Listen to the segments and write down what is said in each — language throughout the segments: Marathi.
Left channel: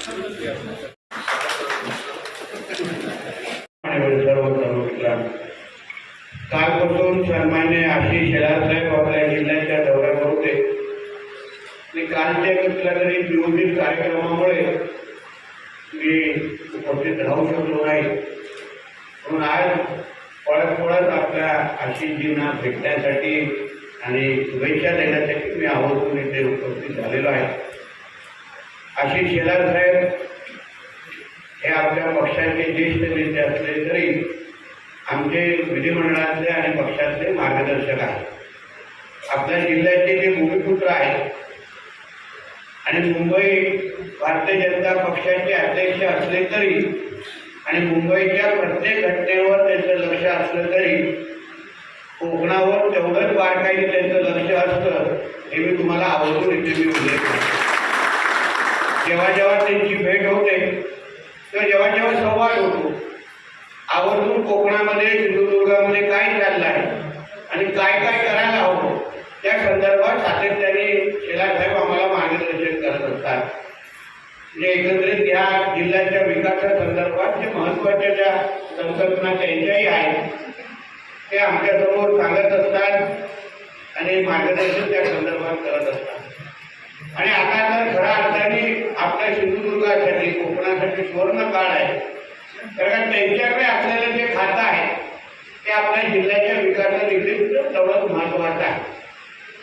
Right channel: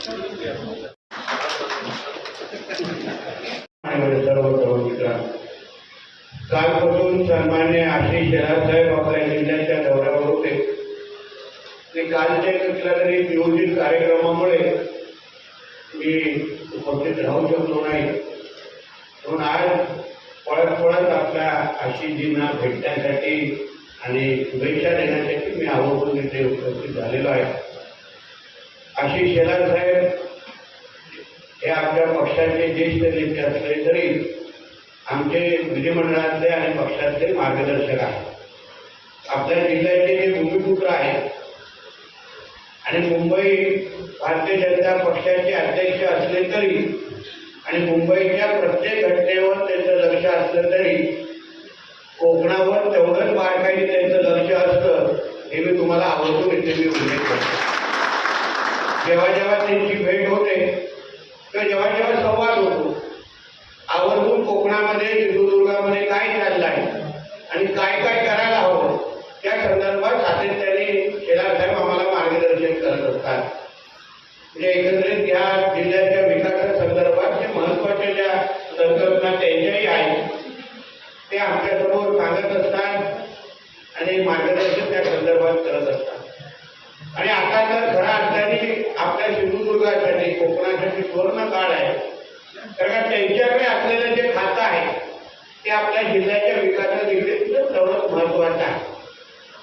सर्व सर्व मित्र कालपासून सन्मान्य आशिष साहेब आपल्या जिल्ह्याच्या दौऱ्यावर होते. ते कालच्या कुठल्या तरी नियोजित कार्यक्रमामुळे मी उपस्थित राहू शकलो नाही. म्हणून आज पळत पळत आपल्या आशिषजींना भेटण्यासाठी आणि शुभेच्छा देण्यासाठी मी आवर्जून इथे उपस्थित झालेलो आहे. आशिष शेलार साहेब हे आपल्या पक्षाचे ज्येष्ठ नेते असले तरी आमचे विधिमंडळातले आणि पक्षातले मार्गदर्शक आहेत. आपल्या जिल्ह्याचे जे भूमिपुत्र आहेत आणि मुंबई भारतीय जनता पक्षाचे अध्यक्ष असले तरी आणि मुंबईच्या प्रत्येक घटनेवर त्यांचं लक्ष असलं तरी कोकणावर तेवढंच बारकाईने त्यांचं लक्ष असतं हे मी तुम्हाला आवडून इथे मी उल्लेख करतो. जेव्हा जेव्हा त्यांची भेट होते किंवा जेव्हा जेव्हा संवाद होतो आवर्जून कोकणामध्ये सिंधुदुर्गामध्ये काय चाललं आहे आणि काय काय करायला हवं त्या संदर्भात सातत्याने शेलार साहेब आम्हाला मार्गदर्शन करत असतात. म्हणजे एकंदरीत या जिल्ह्याच्या विकासासंदर्भात जे महत्त्वाच्या ज्या संकल्पना त्यांच्याही आहेत ते आमच्यासमोर सांगत असतात आणि मार्गदर्शन त्या संदर्भात करत असतात. आणि आता तर खऱ्या अर्थाने आपल्या सिंधुदुर्गासाठी कोकणासाठी सुवर्ण काळ आहे. कारण त्यांच्याकडे असलेलं जे खातं आहे ते आपल्या जिल्ह्याच्या विकासादेखील तेवढंच महत्वाचं आहे.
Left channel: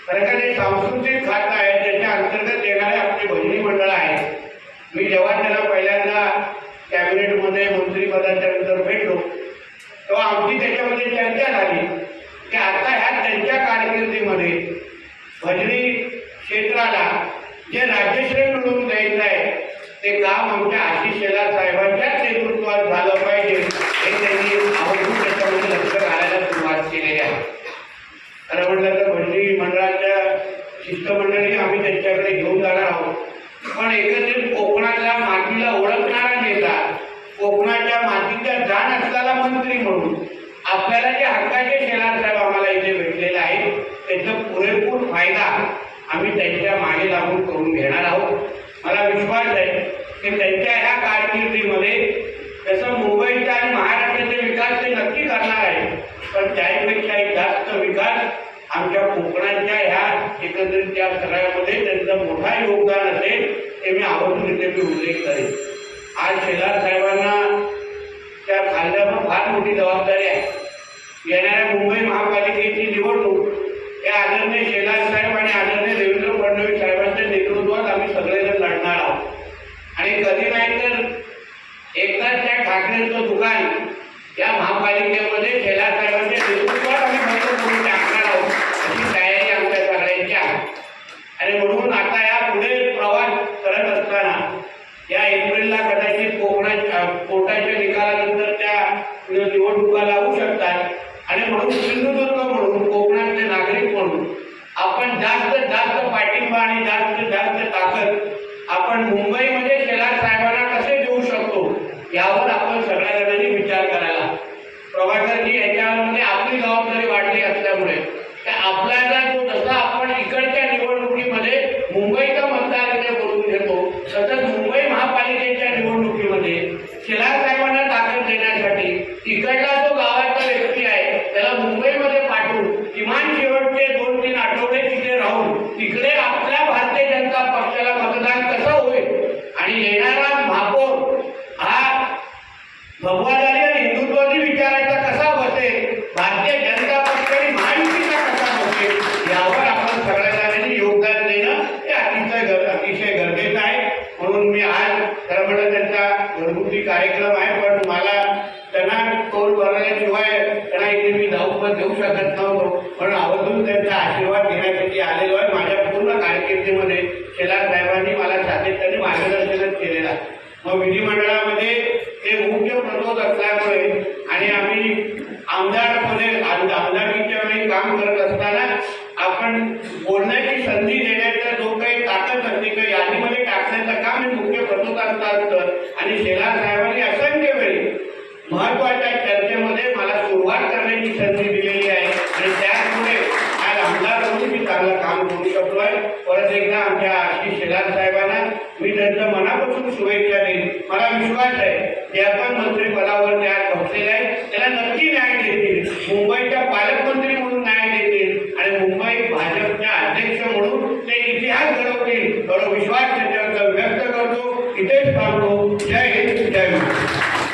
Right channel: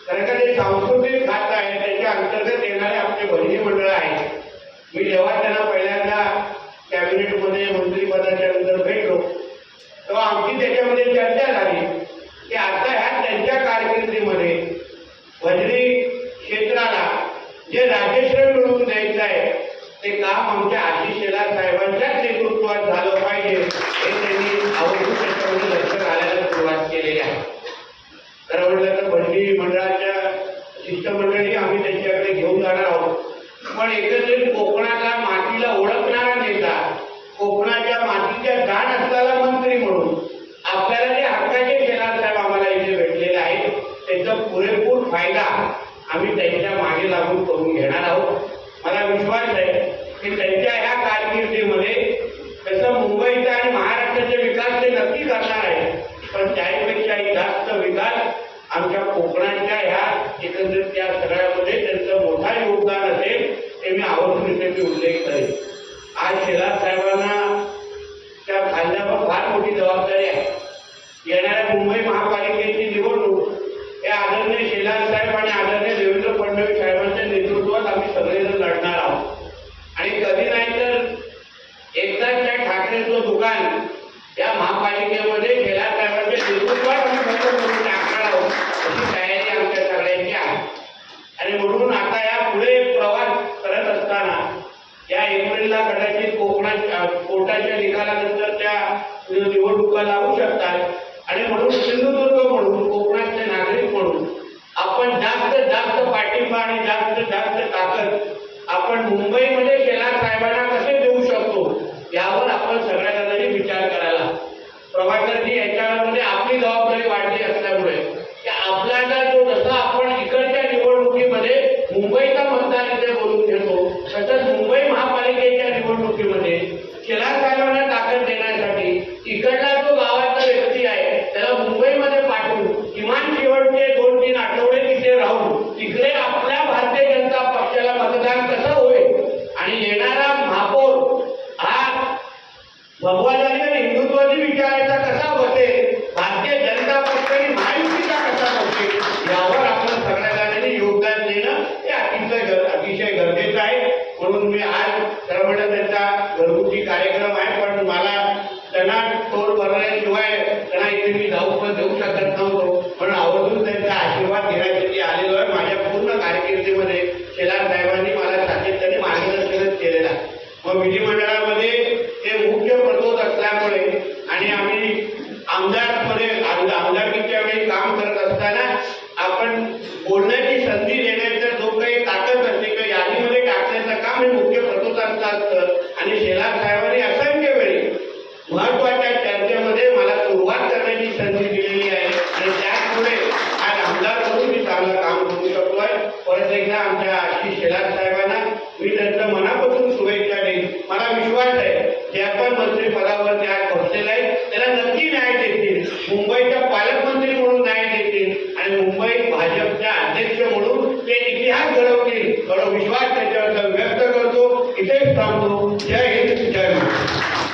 कारण का जे सांस्कृतिक खातं आहे त्याच्या अंतर्गत येणारे आपले भजनी मंडळ आहेत. मी जेव्हा त्यांना पहिल्यांदा कॅबिनेटमध्ये मंत्रिपदाच्या नंतर भेटलो तेव्हा आमची त्याच्यामध्ये चर्चा झाली की आता ह्या त्यांच्या कारकिर्दीमध्ये भजनी क्षेत्राला जे राज्यश्रेय ते काम आमच्या आशिष शेलार साहेबांच्याच नेतृत्वात झालं पाहिजे. हे त्यांनी आवडून त्याच्यामध्ये लक्ष घालायला सुरुवात केलेली आहे. खरं म्हटलं तर भजनी मंडळाच्या शिष्टमंडळी आम्ही त्यांच्याकडे घेऊन जाणार आहोत. पण एकंदरीत कोकणाच्या मातीला ओळखणारा नेता कोकणाच्या मातीच्या जाण असलेला मंत्री म्हणून आपल्याला जे हक्काचे शेलार साहेब आम्हाला इथे भेटलेले आहेत त्याचा पुरेपूर फायदा आम्ही त्यांच्या मागे लागून करून घेणार आहोत. की त्यांच्या ह्या कारकिर्दीमध्ये तसं मुंबईचा आणि महाराष्ट्राचा विकास ते नक्की करणार आहे. पण त्याहीपेक्षाही जास्त विकास आमच्या कोकणाच्या ह्या एकंदरीत त्या सगळ्यामध्ये त्यांचं मोठा योगदान असेल ते मी आवर्जून मी उल्लेख करेन. आज शेलार साहेबांना त्या खांद्यावर फार मोठी जबाबदारी आहे येणाऱ्या मुंबई महापालिकेची निवडणूक या आदरणीय शेलार साहेब आणि आदरणीय देवेंद्र फडणवीस साहेबांच्या नेतृत्वात आम्ही सगळेजण लढणार आहोत आणि कधी नाही तर एकदाच त्या ठाकरेंचं दुकान या महापालिकेमध्ये शेलार तुम्ही आज खरं म्हणलं त्यांचा घरगुती कार्यक्रम आहे पण मला त्यांना तोल भरण्याशिवाय त्यांना इथे मी जाऊ पण देऊ शकत नव्हतो. म्हणून आवर्जून त्यांचा आशीर्वाद घेण्यासाठी आलेलो आहे. माझ्या पूर्ण कारकिर्दीमध्ये शेलार साहेबांनी मला सातत्याने मार्गदर्शनच केलेलं आहे. मग विधिमंडळामध्ये ते मुख्य प्रतोद असल्यामुळे आणि आम्ही आमदारपणे शेलार साहेबांनी असंख्य वेळी महत्त्वाच्या चर्चेमध्ये मला सुरुवात करण्याची संधी दिलेली आहे. आणि त्याचमुळे आज आमदार म्हणून मी चांगलं काम करू शकतोय. परत एकदा आमच्या आशिष शेलार